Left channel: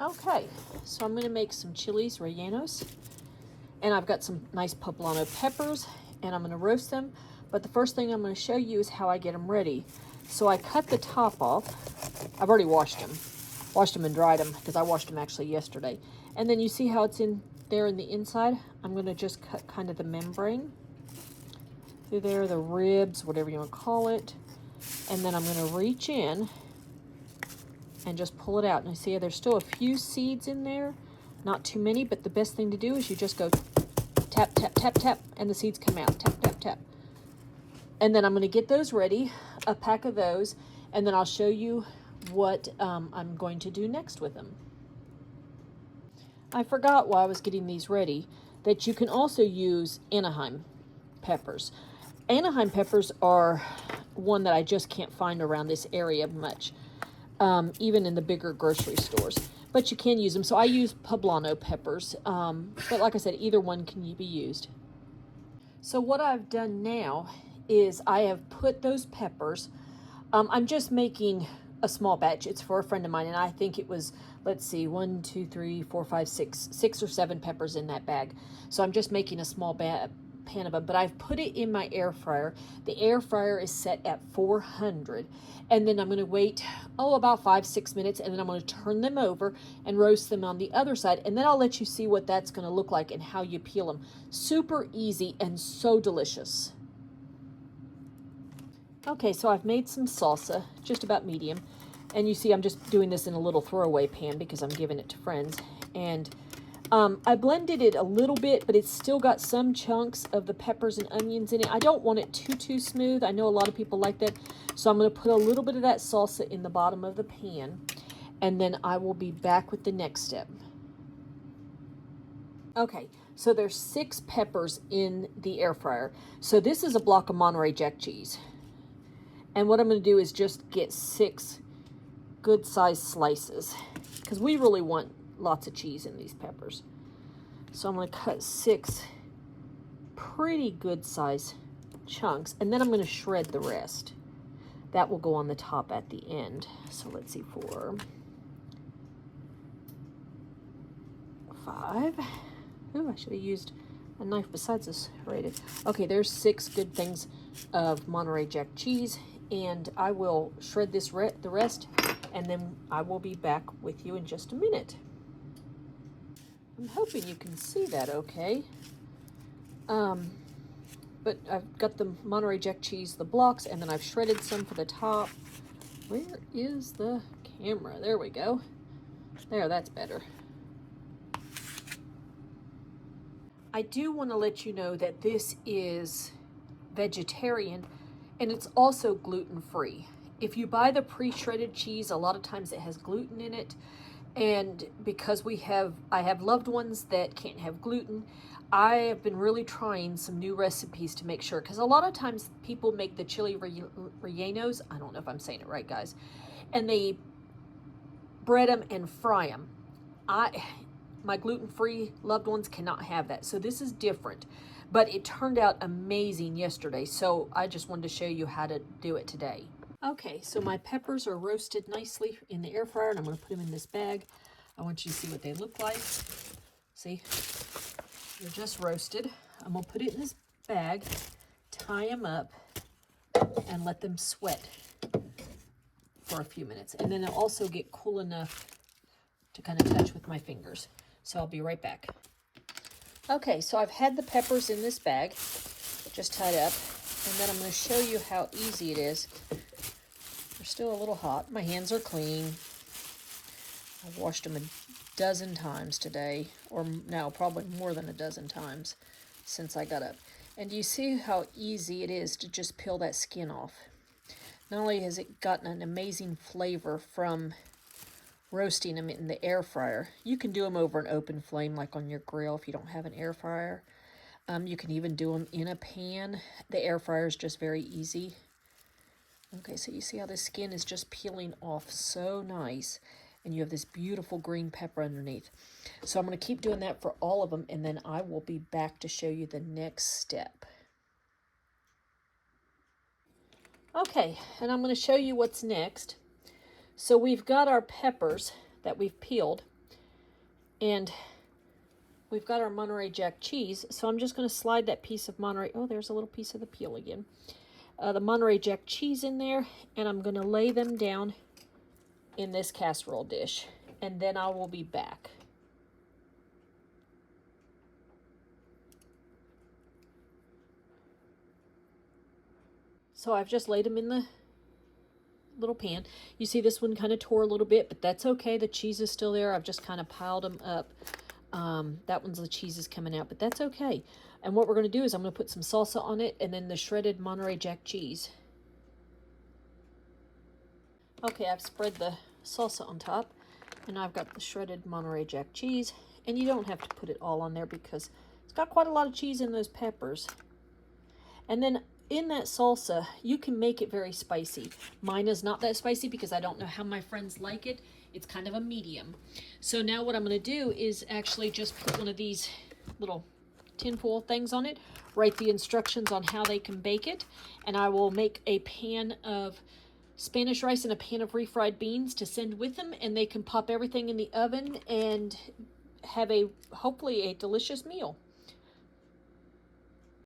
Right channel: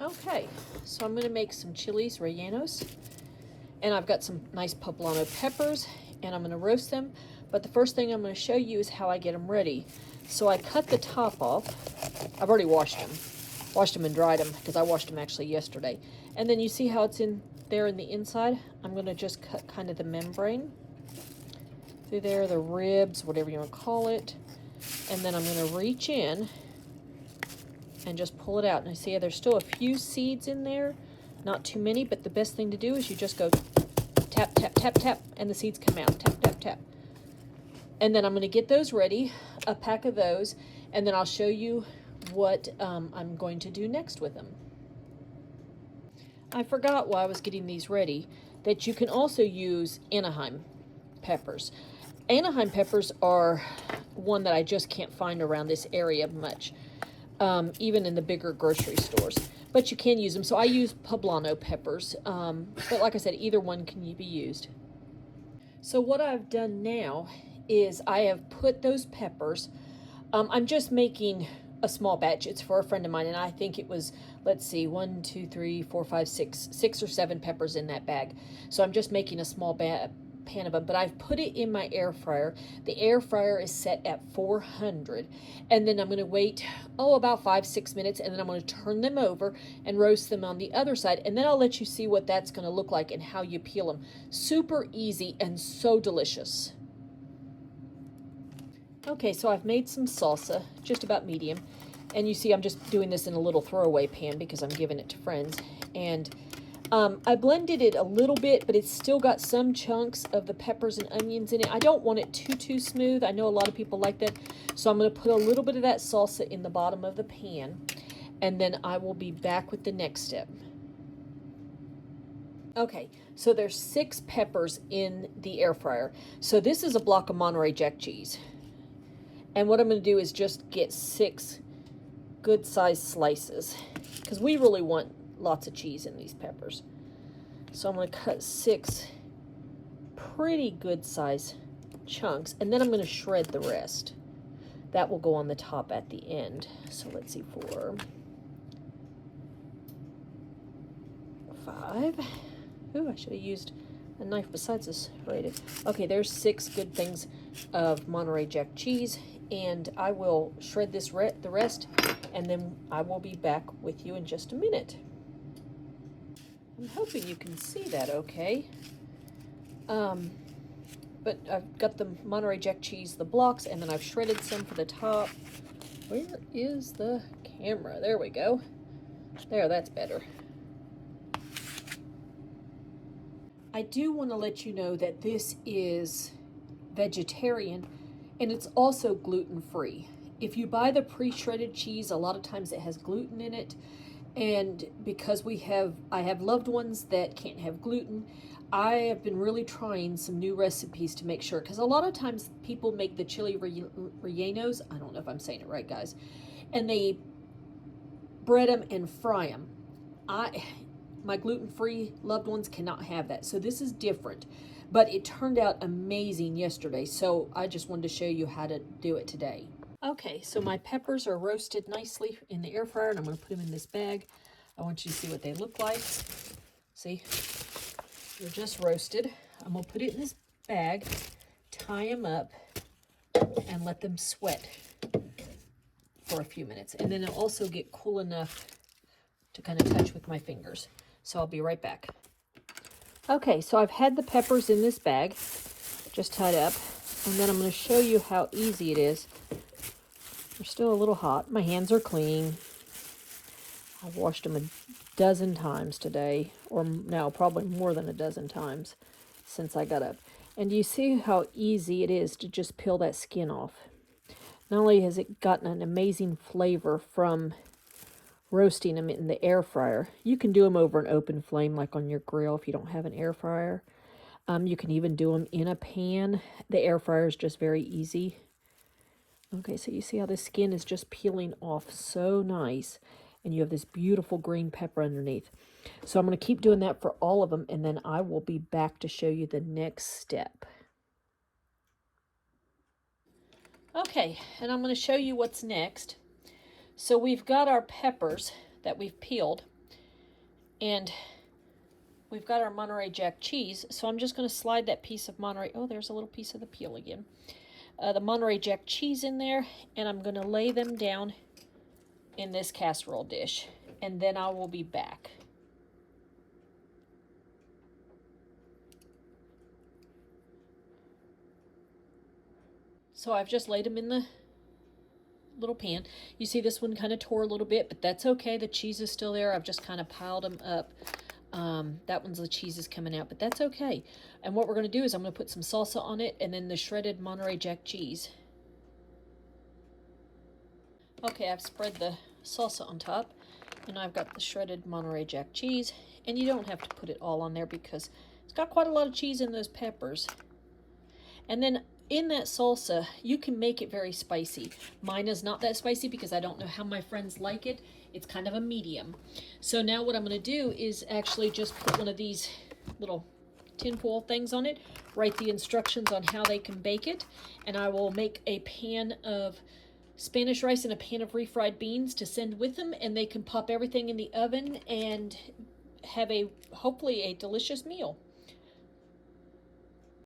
Okay, so I'm going to make some chilies rellenos, and I've got some nice poblano peppers, and I'm going to roast them. But the first thing I'm going to show you is how I get them ready. So I cut the top off. I've already washed them and dried them because I washed them actually yesterday. And then you see how it's in there in the inside? I'm going to just cut kind of the membrane through there, the ribs, whatever you want to call it. And then I'm going to reach in and just pull it out. And you see there's still a few seeds in there, not too many, but the best thing to do is you just go tap, tap, tap, tap, and the seeds come out. Tap, tap, tap. And then I'm going to get those ready, a pack of those, and then I'll show you what I'm going to do next with them. I forgot while I was getting these ready that you can also use Anaheim peppers. Anaheim peppers are one that I just can't find around this area much, even in the bigger grocery stores. But you can use them. So I use poblano peppers. But like I said, either one can be used. So what I've done now is I have put those peppers, I'm just making a small batch. It's for a friend of mine, and I think it was, let's see, 1, 2, 3, 4, 5, 6 or 7 peppers in that bag. So I'm just making a small pan of them, but I've put it in my air fryer. The air fryer is set at 400, and then I'm going to wait, about 5-6 minutes, and then I'm going to turn them over and roast them on the other side, and then I'll let you see what that's going to look like and how you peel them. Super easy and so delicious. Okay, so I've made some salsa, just about medium, and you see I'm just doing this in a little throwaway pan because I'm giving it to friends, and I blended it a little bit, but it's still got some chunks of the peppers and onions in it. I don't want it too smooth. I know a lot of people like that, so I'm going to put a little bit of that salsa in the bottom of the pan, and then I will be back with the next step. Okay, so there's 6 peppers in the air fryer. So this is a block of Monterey Jack cheese. And what I'm going to do is just get 6 good-sized slices, because we really want lots of cheese in these peppers. So I'm going to cut 6 pretty good-sized chunks, and then I'm going to shred the rest. That will go on the top at the end. So let's see, 4, 5. Ooh, I should have used a knife besides this right. Okay, there's 6 good things of Monterey Jack cheese, and I will shred this the rest, and then I will be back with you in just a minute. I'm hoping you can see that okay. But I've got the Monterey Jack cheese, the blocks, and then I've shredded some for the top. Where is the camera? There we go. There, that's better. I do want to let you know that this is vegetarian, and it's also gluten-free. If you buy the pre-shredded cheese, a lot of times it has gluten in it, and because I have loved ones that can't have gluten, I have been really trying some new recipes to make sure, because a lot of times people make the chili rellenos, I don't know if I'm saying it right, guys, and they bread them and fry them. My gluten-free loved ones cannot have that, so this is different. But it turned out amazing yesterday, so I just wanted to show you how to do it today. Okay, so my peppers are roasted nicely in the air fryer, and I'm going to put them in this bag. I want you to see what they look like. See, they're just roasted. I'm going to put it in this bag, tie them up, and let them sweat for a few minutes. And then they'll also get cool enough to kind of touch with my fingers. So I'll be right back. Okay, so I've had the peppers in this bag, just tied up, and then I'm going to show you how easy it is. They're still a little hot. My hands are clean. I've washed them a dozen times today, or no, probably more than a dozen times since I got up. And you see how easy it is to just peel that skin off. Not only has it gotten an amazing flavor from roasting them in the air fryer, you can do them over an open flame like on your grill if you don't have an air fryer. You can even do them in a pan. The air fryer is just very easy. Okay, so you see how the skin is just peeling off so nice, and you have this beautiful green pepper underneath. So I'm going to keep doing that for all of them, and then I will be back to show you the next step. Okay, and I'm going to show you what's next. So we've got our peppers that we've peeled, And we've got our Monterey Jack cheese, so I'm just going to slide that piece of Monterey, oh, there's a little piece of the peel again, the Monterey Jack cheese in there, and I'm going to lay them down in this casserole dish, and then I will be back. So I've just laid them in the little pan. You see this one kind of tore a little bit, but that's okay. The cheese is still there. I've just kind of piled them up. That one's the cheese is coming out, but that's okay. And what we're going to do is I'm going to put some salsa on it and then the shredded Monterey Jack cheese. Okay, I've spread the salsa on top, and I've got the shredded Monterey Jack cheese. And you don't have to put it all on there because it's got quite a lot of cheese in those peppers. And then in that salsa, you can make it very spicy. Mine is not that spicy because I don't know how my friends like it. It's kind of a medium. So now what I'm going to do is actually just put one of these little tin foil things on it, write the instructions on how they can bake it, and I will make a pan of Spanish rice and a pan of refried beans to send with them, and they can pop everything in the oven and have hopefully a delicious meal.